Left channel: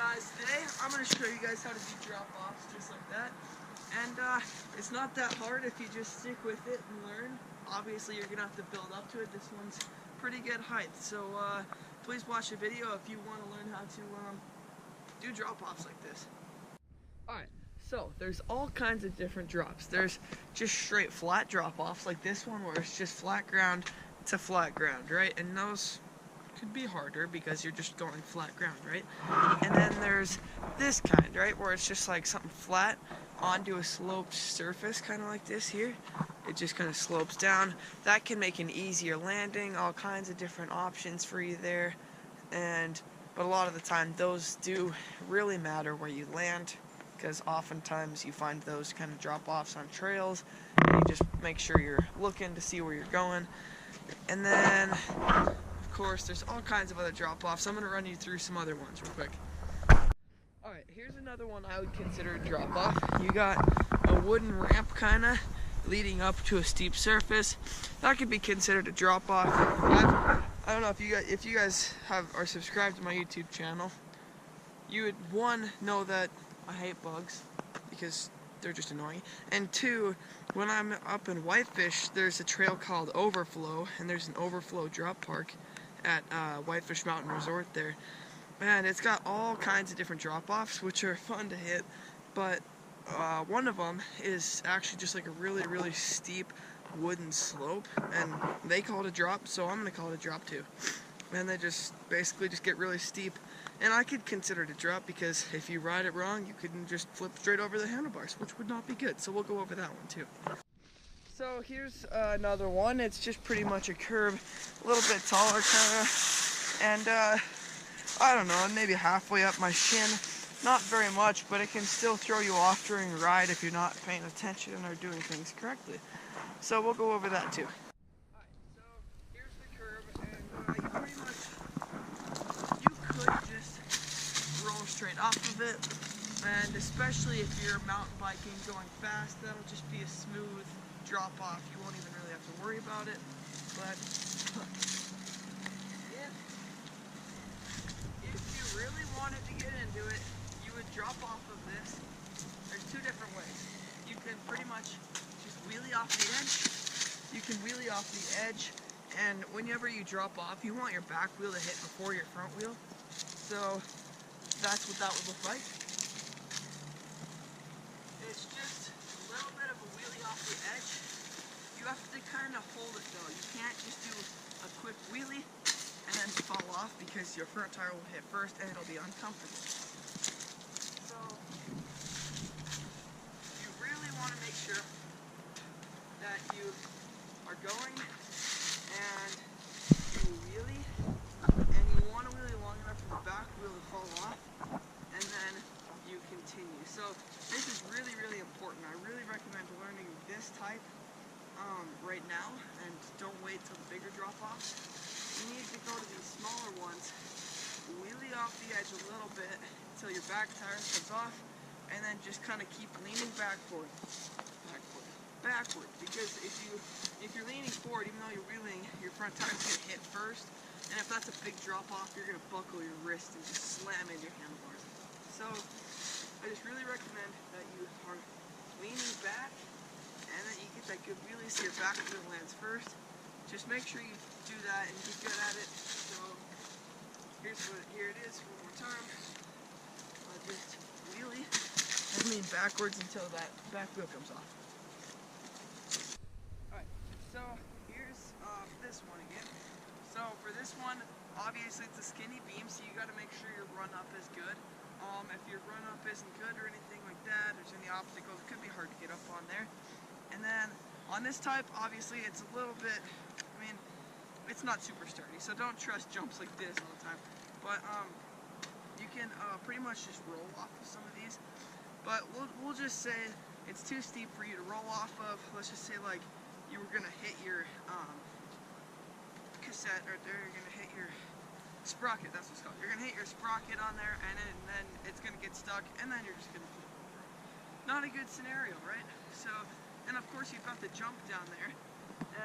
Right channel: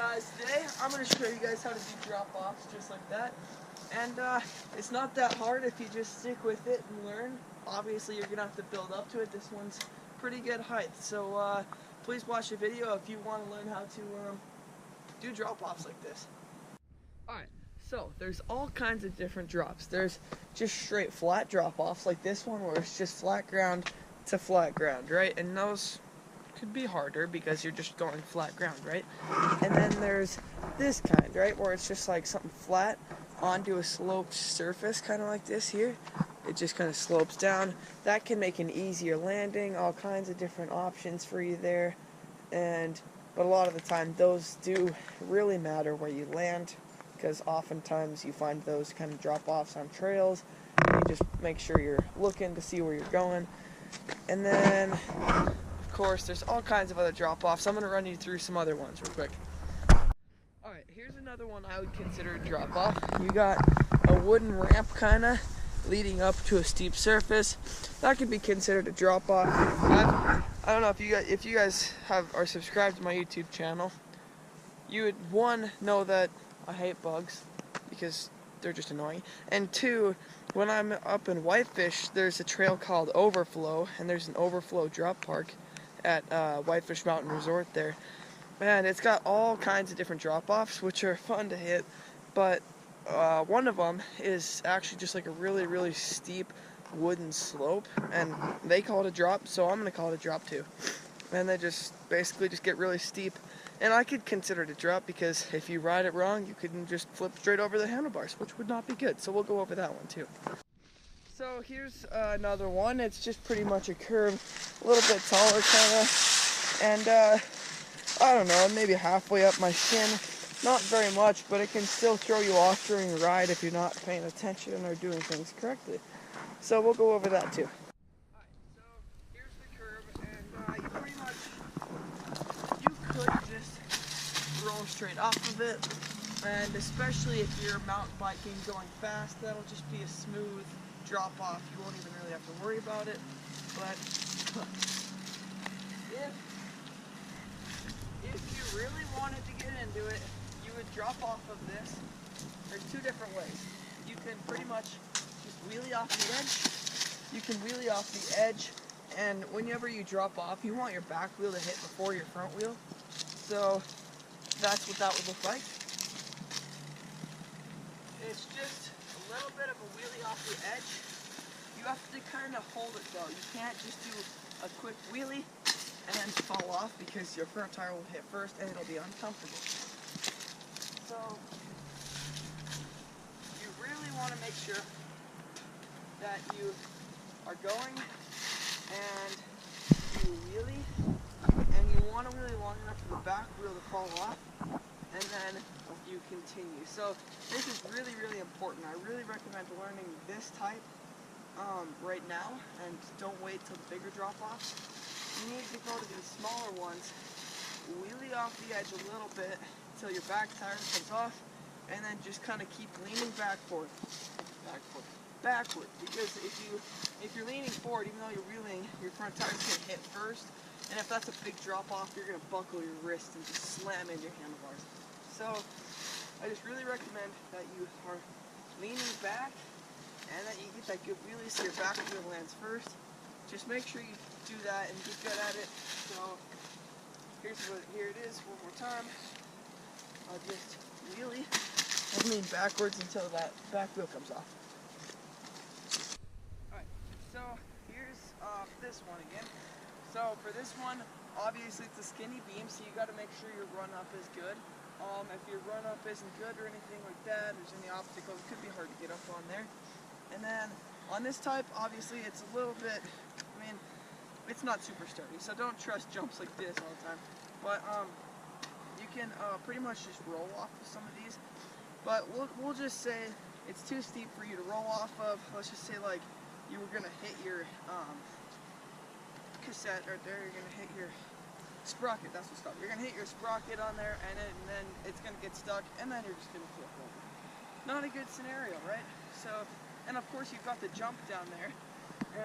guys, today I'm going to show you guys how to do drop-offs just like that. And it's not that hard if you just stick with it and learn. Obviously you're going to have to build up to it. This one's pretty good height. So please watch the video if you want to learn how to do drop-offs like this. Alright, so there's all kinds of different drops. There's just straight flat drop-offs like this one where it's just flat ground to flat ground, right? And those could be harder because you're just going flat ground, right? And then there's this kind, right, where it's just like something flat onto a sloped surface, kind of like this here. It just kind of slopes down. That can make an easier landing, all kinds of different options for you there. But a lot of the time those do really matter where you land, because oftentimes you find those kind of drop-offs on trails, and you just make sure you're looking to see where you're going. And then of course, there's all kinds of other drop-offs. I'm going to run you through some other ones real quick. Alright, here's another one I would consider a drop-off. You got a wooden ramp kind of leading up to a steep surface. That could be considered a drop-off. I don't know if you guys are subscribed to my YouTube channel. You would, one, know that I hate bugs because they're just annoying. And two, when I'm up in Whitefish, there's a trail called Overflow, and there's an Overflow drop park at Whitefish Mountain Resort there, and it's got all kinds of different drop-offs which are fun to hit, but one of them is actually just like a really steep wooden slope, and they call it a drop, so I'm gonna call it a drop too. And they just basically just get really steep, and I could consider it a drop because if you ride it wrong you can just flip straight over the handlebars, which would not be good, so we'll go over that one too. So here's another one. It's just pretty much a curve, a little bit taller kind of, and I don't know, maybe halfway up my shin. Not very much, but it can still throw you off during the ride if you're not paying attention or doing things correctly. So we'll go over that too. Alright, so here's the curve, and you could just roll straight off of it, and especially if you're mountain biking going fast, that'll just be a smooth drop off. You won't even really have to worry about it. But if you really wanted to get into it, you would drop off of this. There's two different ways. You can pretty much just wheelie off the edge. You can wheelie off the edge, and whenever you drop off, you want your back wheel to hit before your front wheel. So that's what that would look like. It's just a little bit of a wheelie off the edge. You have to kind of hold it though. You can't just do a quick wheelie and then fall off because your front tire will hit first and it'll be uncomfortable. So you really want to make sure that you are going and you wheelie, and you want to wheelie long enough for the back wheel to fall off, and then you continue. So this is really important. I really recommend learning this type right now, and don't wait till the bigger drop-offs. You need to go to these smaller ones, wheelie off the edge a little bit until your back tire comes off, and then just kind of keep leaning backward, because if you're leaning forward, even though you're wheeling, your front tire's going to hit first, and if that's a big drop-off, you're going to buckle your wrist and just slam into your handlebars. So I just really recommend that you are leaning back and that you get that good wheelie so your back wheel lands first. Just make sure you do that and get good at it. So here it is one more time. I'll just wheelie and lean backwards until that back wheel comes off. Alright, so here's this one again. So for this one, obviously it's a skinny beam, so you got to make sure your run up is good. If your run up isn't good or anything like that, there's any obstacles, it could be hard to get up on there. And then on this type, obviously it's a little bit, it's not super sturdy, so don't trust jumps like this all the time. But you can pretty much just roll off of some of these. But we'll just say it's too steep for you to roll off of. Let's just say like you were gonna hit your cassette right there. You're gonna hit your sprocket. That's what's called. You're gonna hit your sprocket on there, and then it's gonna get stuck, and then you're just gonna flip over. Not a good scenario, right? So. And of course you've got the jump down there,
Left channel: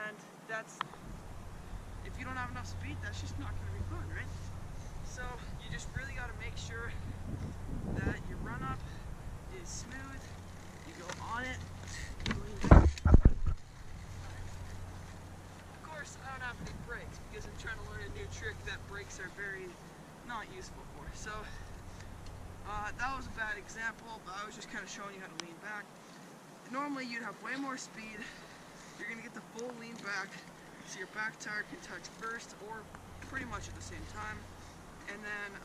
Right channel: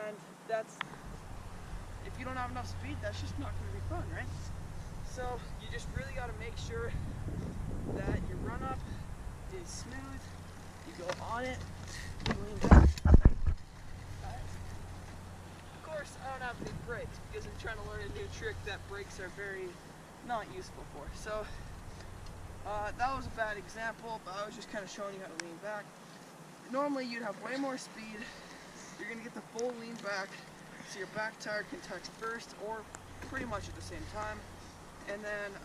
and if you don't have enough speed, that's just not going to be fun, right? So you just really got to make sure that your run up is smooth. You go on it, you lean back. Of course, I don't have any brakes because I'm trying to learn a new trick that brakes are very not useful for. So that was a bad example, but I was just kind of showing you how to lean back. Normally you'd have way more speed. You're gonna get the full lean back so your back tire can touch first or pretty much at the same time. And then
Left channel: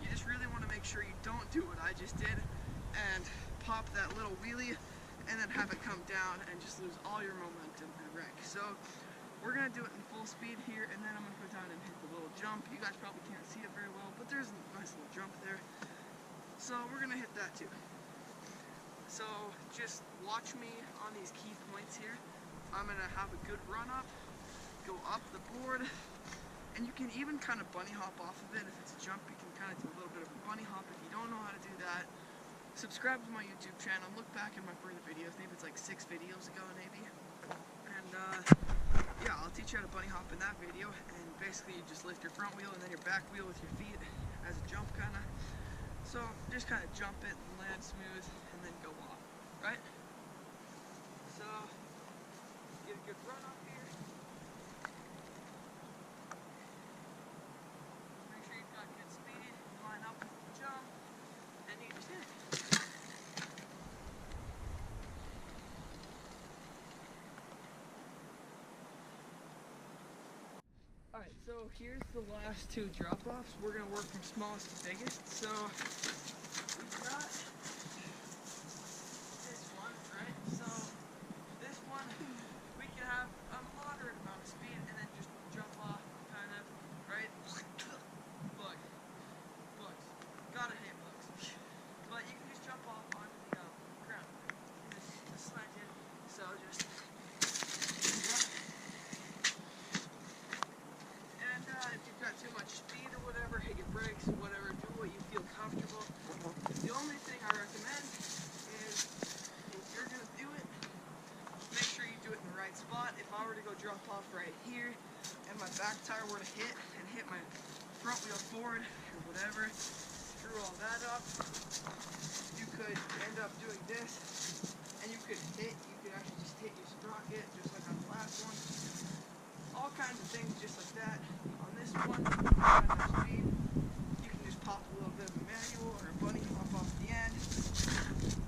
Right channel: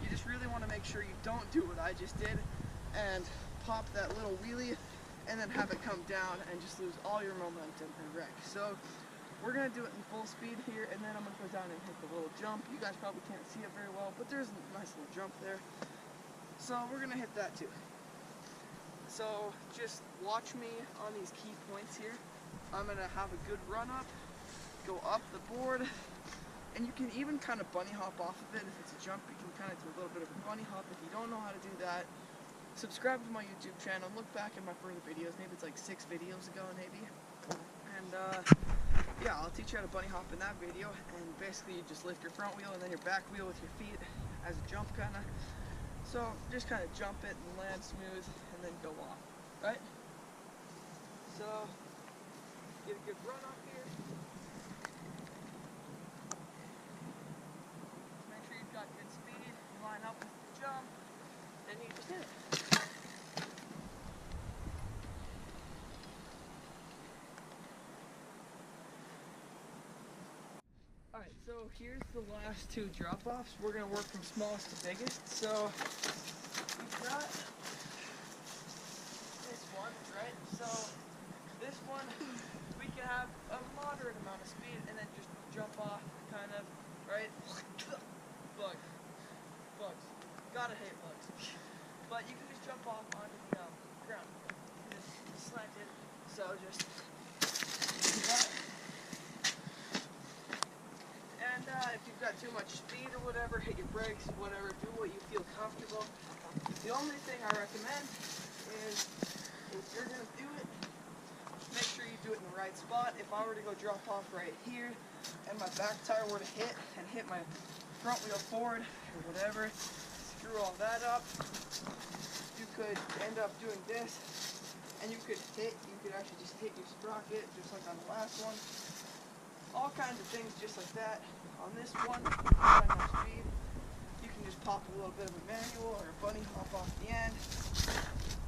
you just really want to make sure you don't do what I just did and pop that little wheelie and then have it come down and just lose all your momentum and wreck. So we're gonna do it in full speed here, and then I'm gonna go down and hit the little jump. You guys probably can't see it very well, but there's a nice little jump there. So we're gonna hit that too. So just watch me on these key points here. I'm gonna have a good run up, go up the board, and you can even kind of bunny hop off of it. If it's a jump, you can kind of do a little bit of a bunny hop. If you don't know how to do that, subscribe to my YouTube channel, look back at my further videos, maybe it's like 6 videos ago maybe, and yeah, I'll teach you how to bunny hop in that video. And basically you just lift your front wheel and then your back wheel with your feet as a jump kind of. So just kind of jump it and land smooth and then go off, right? So get a good run up here. Make sure you've got good speed, line up with the jump, and you just hit it. Alright, so here's the last 2 drop-offs. We're going to work from smallest to biggest. So we've got this one, right? So this one, we can have a moderate amount of speed and then just jump off, kind of, right? Bugs. Gotta hate bugs. But you can just jump off onto the ground. This is slanted, so just do that. And if you've got too much speed or whatever, hit your brakes, whatever, do what you feel comfortable. The only thing I recommend is if you're going to do it, make sure you do it in the right spot. If I were to go drop off right here and my back tire were to hit and hit my front wheel forward or whatever, screw all that up, you could end up doing this and you could actually just hit your sprocket just like on the last one. All kinds of things just like that. On this one, if you've got enough speed, you can just pop a little bit of a manual or a bunny hop off the end,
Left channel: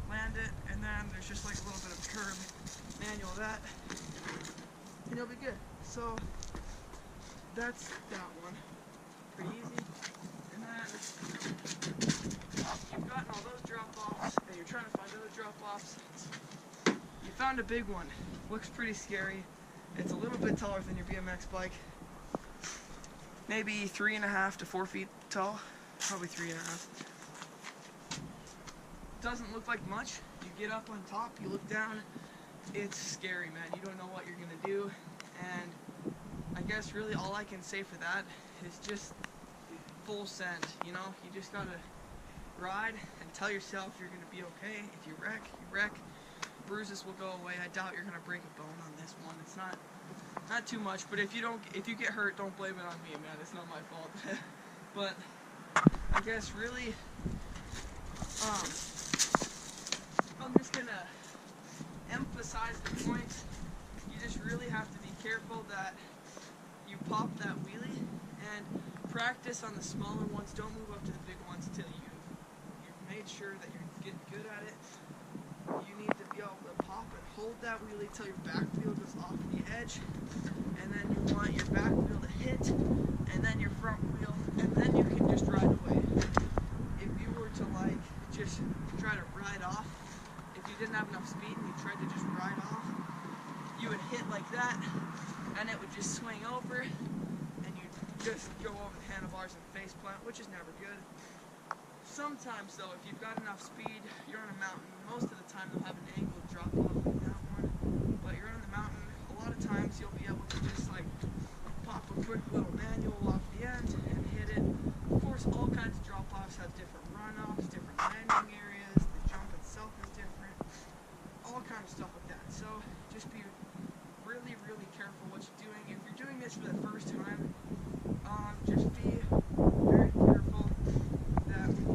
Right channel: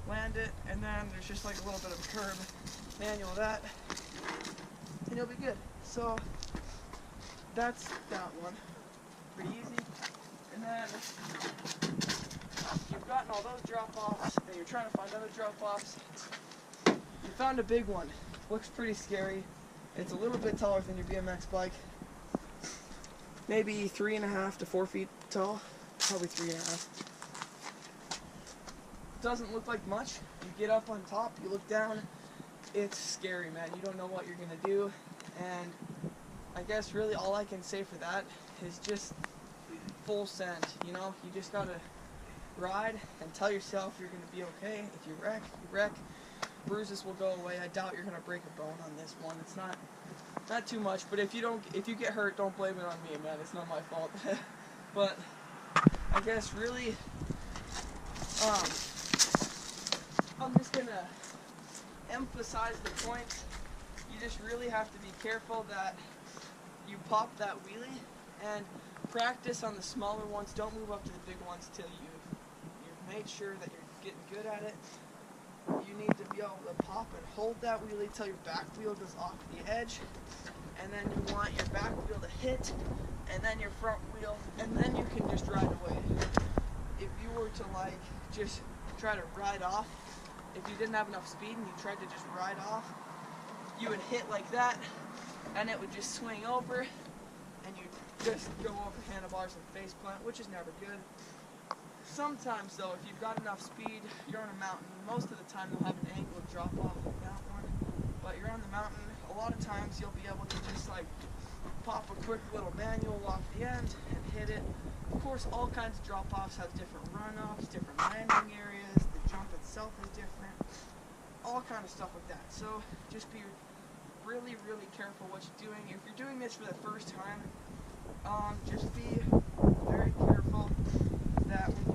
land it, and then there's just like a little bit of a curb, manual that, and you'll be good. So that's that one. Pretty easy. And then you've gotten all those drop-offs and you're trying to find other drop-offs. You found a big one. Looks pretty scary. It's a little bit taller than your BMX bike. Maybe 3.5 to 4 feet tall. Probably 3.5. Doesn't look like much. You get up on top, you look down. It's scary, man. You don't know what you're gonna do. And I guess really all I can say for that is just full send. You know, you just gotta ride and tell yourself you're gonna be okay. If you wreck, you wreck. Bruises will go away. I doubt you're gonna break a bone on this one. It's not too much, but if you get hurt, don't blame it on me, man. It's not my fault. But I guess really, I'm just gonna emphasize the point. You just really have to be careful that you pop that wheelie and practice on the smaller ones. Don't move up to the big ones till you've made sure that you're getting good at it. You need to be able to pop and hold that wheelie till your back wheel goes off the edge, and then you want your back wheel to hit, and then your front wheel, and then you can just ride away. If you were to like just try to ride off, if you didn't have enough speed and you tried to just ride off, you would hit like that, and it would just swing over, and you'd just go over the handlebars and face plant, which is never good. Sometimes though, if you've got enough speed, you're on a mountain. Most of the time they'll have an angled drop off like that one, but you're on the mountain. A lot of times you'll be able to just like pop a quick little manual off the end and hit it. Of course, all kinds of drop offs have different run-ups, different landing areas. The jump itself is different. All kind of stuff like that. So just be really, really careful what you're doing. If you're doing this for the first time, just be very careful that that when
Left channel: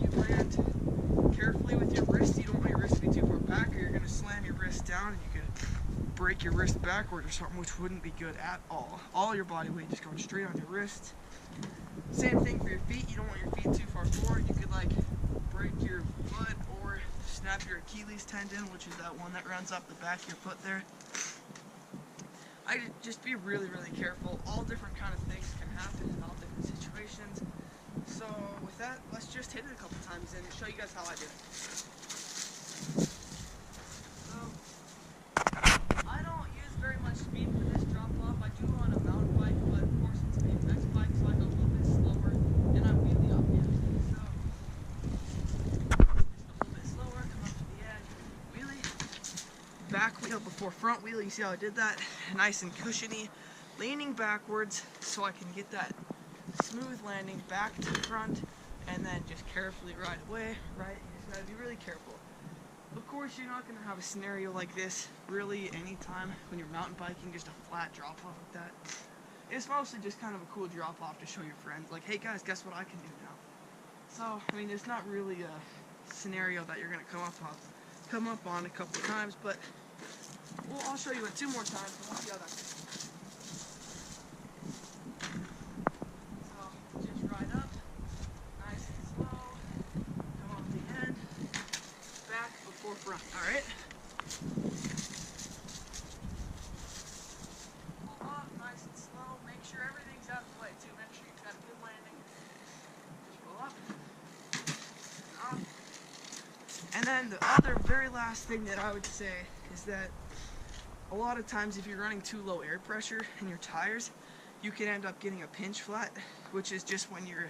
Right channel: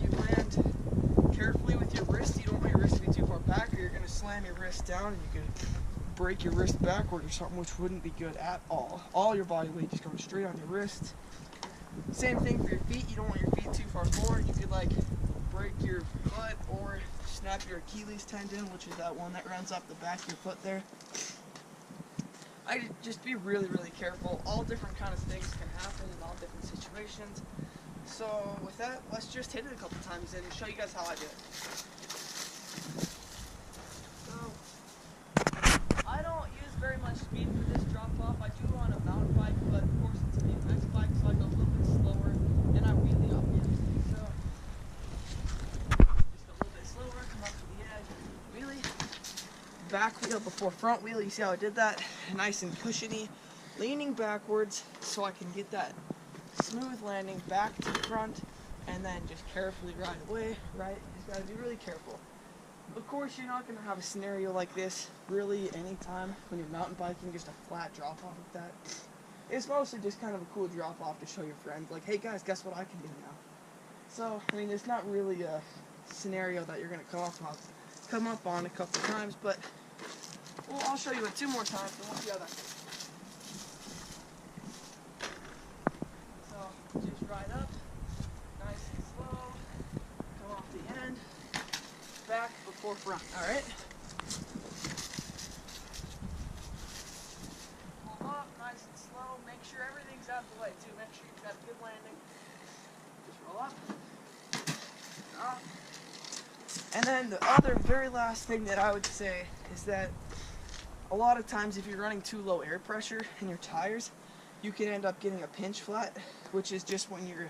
you land carefully with your wrist. You don't want your wrist to be too far back, or you're going to slam your wrist down and you could break your wrist backward or something, which wouldn't be good at all. All your body weight just going straight on your wrist. Same thing for your feet. You don't want your feet too far forward. You could like break your foot or snap your Achilles tendon, which is that one that runs up the back of your foot there. I just be really, really careful. All different kind of things can happen in all different situations. So with that, let's just hit it a couple times and show you guys how I do it. So I don't use very much speed for this drop off. I do on a mountain bike, but of course it's a BMX bike, so I go a little bit slower and I wheelie up the edge. So just a little bit slower, come up to the edge, wheelie. Back wheel before front wheel. You see how I did that? Nice and cushiony, leaning backwards so I can get that smooth landing back to the front, and then just carefully ride away, right? You just gotta be really careful. Of course, you're not gonna have a scenario like this really anytime when you're mountain biking, just a flat drop off like that. It's mostly just kind of a cool drop off to show your friend, like, hey guys, guess what I can do now? So, I mean, it's not really a scenario that you're gonna come up on a couple times, but well, I'll show you it 2 more times and we'll see how that goes. So just ride up, nice and slow, come off the end, back before front, alright? Pull up, nice and slow, make sure everything's out of the way too, make sure you've got a good landing. Just roll up, and off. And then the other very last thing that I would say is that a lot of times if you're running too low air pressure in your tires, you can end up getting a pinch flat, which is just when your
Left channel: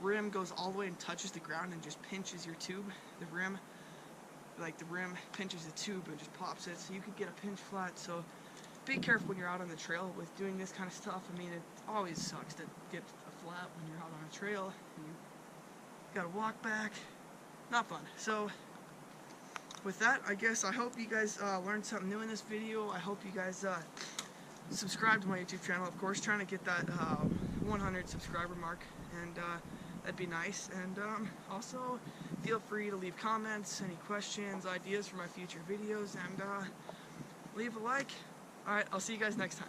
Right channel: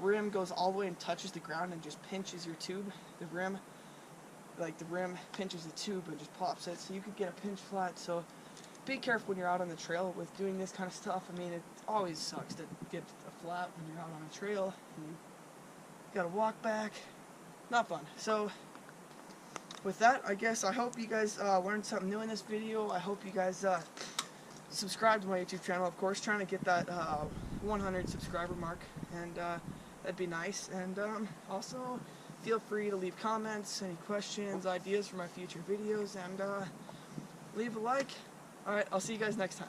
rim goes all the way and touches the ground and just pinches your tube. The rim pinches the tube and just pops it, so you could get a pinch flat. So be careful when you're out on the trail with doing this kind of stuff. I mean, it always sucks to get a flat when you're out on a trail and you gotta walk back. Not fun. So with that, I guess I hope you guys learned something new in this video. I hope you guys subscribe to my YouTube channel, of course, trying to get that 100 subscriber mark, and that'd be nice. And also feel free to leave comments, any questions, ideas for my future videos, and leave a like. Alright, I'll see you guys next time.